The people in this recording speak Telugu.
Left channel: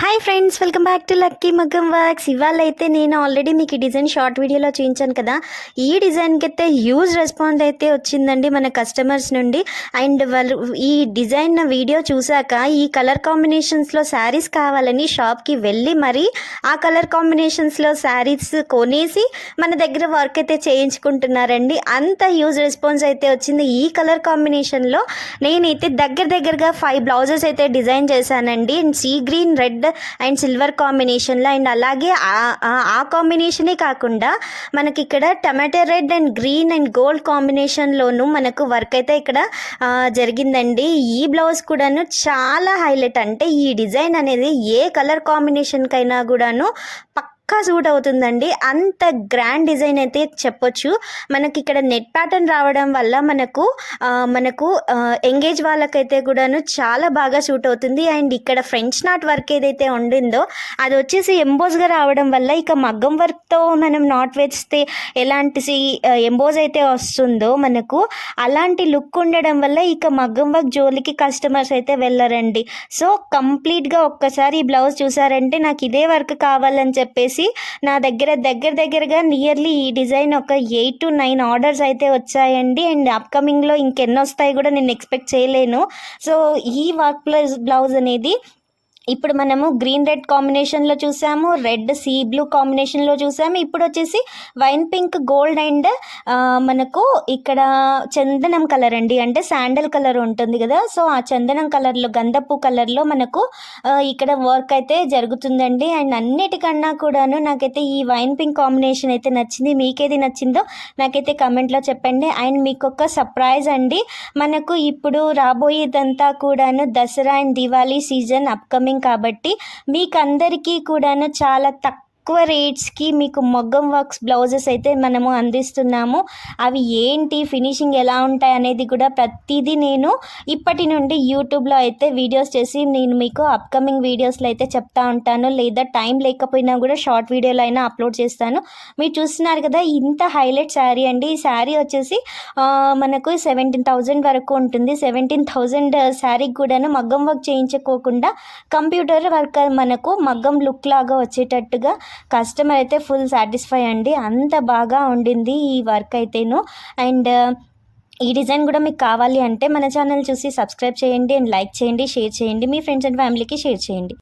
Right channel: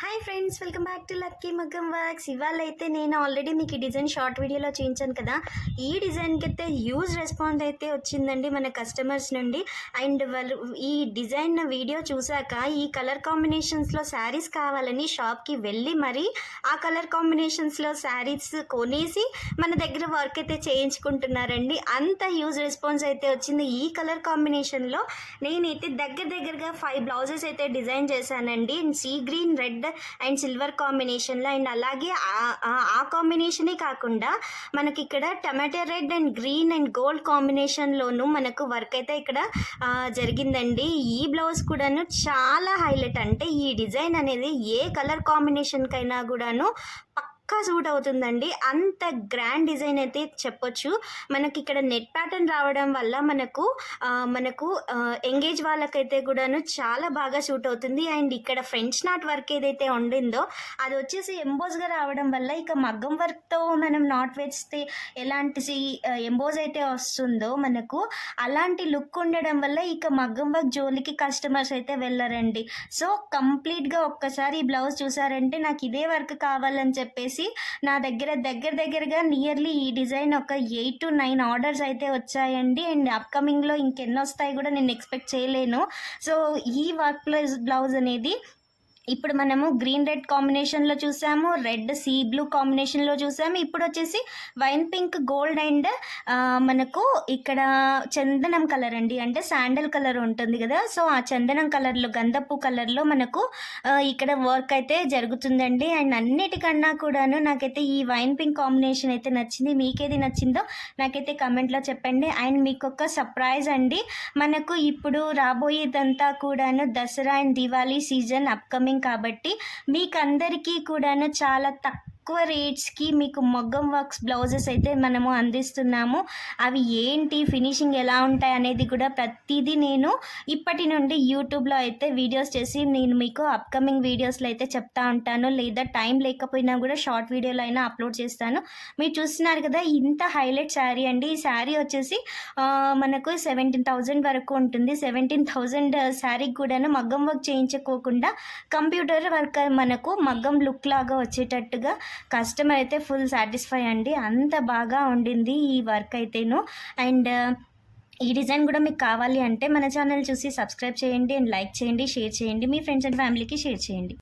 Hi friends, welcome back to lucky మగ్గం వర్క్స్. ఇవాళ అయితే నేను ఆల్రెడీ మీకు ఈ డిజైన్ షార్ట్ వీడియోలో చూపించాను కదా. ఈ డిజైన్కి అయితే హ్యూజ్ రెస్పాన్స్ అయితే వచ్చిందండి మన కస్టమర్స్ నుండి. అండ్ వాళ్ళు ఈ డిజైన్ వీడియో చూశాక ఈ కలర్ కాంబినేషన్స్లో శారీస్ కావాలని షాప్కి వెళ్ళి మరి ఆ కలర్ కాంబినేషన్స్లో శారీస్ కొనేసి మన దగ్గర వర్క్ అయితే చేయించుకుంటున్నారండి. అంత హ్యూజ్ రెస్పాన్స్ అయితే వచ్చింది. ఈ కలర్ కాంబినేషన్లో నేనైతే దగ్గరగా 5 బ్లౌజెస్ అయితే డిజైన్ చేశానండి. And sea green, red and silver కాంబినేషన్లో. అండ్ అలాగే ఆ కాంబినేషనే కాకుండా మనకి ఇక్కడ tomato red and green and gold కాంబినేషన్లోనూ మనకు వర్క్ అయితే ఇక్కడ జరిగిందండి. ఈ బ్లౌజ్ కూడాను చాలా హైలైట్. అంటే ఈ డిజైన్ అనేది ఏ కలర్ కాంబినేషన్కైనా కూడాను పక్కా సూట్ అవుతుందండి. అంత గ్రాండ్ డిజైన్ అయితే చెప్పొచ్చు. మనకి ఇక్కడ నెట్ ప్యాటర్న్ రావడం వల్ల మనకు ఎంగేజ్ వాళ్ళకైతే కూడాను చాలా బాగా సూట్ అవుతుంది. అండ్ ఇక్కడ ఫ్రెంచ్ నాట్ వర్క్ ఏదైతే ఉండిందో అది వచ్చేసి ఎంబోజ్గా రావడం వల్ల ఇక మగ్గం వర్క్తో మనం నాట్ వేస్తే ఎలాంటి ఎంబోజ్ అయితే వస్తుందో మనకు అలాంటి లుక్ ఉండడం వల్ల ఇక మగ్గం వర్క్ జోలికి కస్టమర్స్ అయితే వెళ్ళరండి. సో కంప్లీట్గా ఒక్కసారి ఈ బ్లౌజ్ చూసారంటే నాకు ఇదే వర్క్ కావాలని చెప్పేసి నా దగ్గరగా నియర్లీ ఈ డిజైన్ ఒక 8 to 9 ఆర్డర్స్ అయితే వచ్చాయండి. అండ్ అప్కమింగ్లో ఇంకెన్ని వస్తాయి కూడా నేను ఎక్స్పెక్ట్ చేయలేను. సో ఈ వర్క్ బ్లౌజ్ అనేది ఇప్పుడు మనము గ్రీన్ రెడ్ కాంబినేషన్లో చూసాము, రెడ్ సీ బ్లూ కాంబినేషన్లో చూసాము. ఇప్పుడు వచ్చేసి వైన్ పింక్ గోల్డ్ అండ్ మనకు ఇక్కడ చందనం కలర్ అండి, అంటే శాండల్ కలర్ ఉంటుంది కదా. సో ఆ చందనం కలర్లో, గంధపు కలర్లో మనకు ఇక్కడ వర్క్ అయితే జరుగుతుందండి. అండ్ అన్నిటికన్నా కూడాను నాకైతే ఈ వైన్ పింక్ కాంబినేషన్ అయితే నచ్చింది. మీకేది నచ్చిందో నాకైతే కమెంట్లో చెప్పండి. అండ్ మీకు ఒక సర్ప్రైజ్ అండి, మనకు ఇప్పుడు రాబోయేదంతా కూడాను Dasara and Diwali season upcoming కాబట్టి మీకు అందరికీ కూడాను చాలా తక్కువ రేట్స్కి మీకు మగ్గం వర్క్స్ బ్లౌజెస్ అయితే మనము అందిస్తున్నాము. అవి ఏంటి, ఫినిషింగ్ ఎలా ఉంటాయి అనేది కూడా ప్రతిదీ నేను ఇప్పటి నుండి యూట్యూబ్లో అయితే వీడియోస్ చేసి నేను మీకు అప్కమింగ్ వీడియోస్లో అయితే చెప్తా ఉంటాను. లేదా టైం లేకపోయినా కూడా షార్ట్ వీడియోలో అయినా అప్లోడ్ చేస్తాను. మీరు చూస్తున్నారు కదా, ఇంత హైలైట్ శారీ అండి. ఈ శారీ వచ్చేసి మనకు 17,000 వరకు ఉంటుంది. 17,000 శారీకి కూడాను మగ్గం వర్క్ చేయించుకోకుండా కంప్యూటర్ వర్క్ మనకు మగ్గం లుక్ లాగా వచ్చేటట్టుగా కస్టమర్ అయితే ఫుల్ సాటిస్ఫై అండి. అంత బాగా ఉండింది ఈ వర్క్ అయితేను. అండ్ ఈ డిజైన్ కూడా మీకు కావాలి అంటే మన ఛానల్ చూసి సబ్స్క్రైబ్ చేయండి అండ్ లైక్ చేయండి, షేర్ చేయండి, మీ ఫ్రెండ్స్ అండ్ ఫ్యామిలీకి షేర్ చేయండి.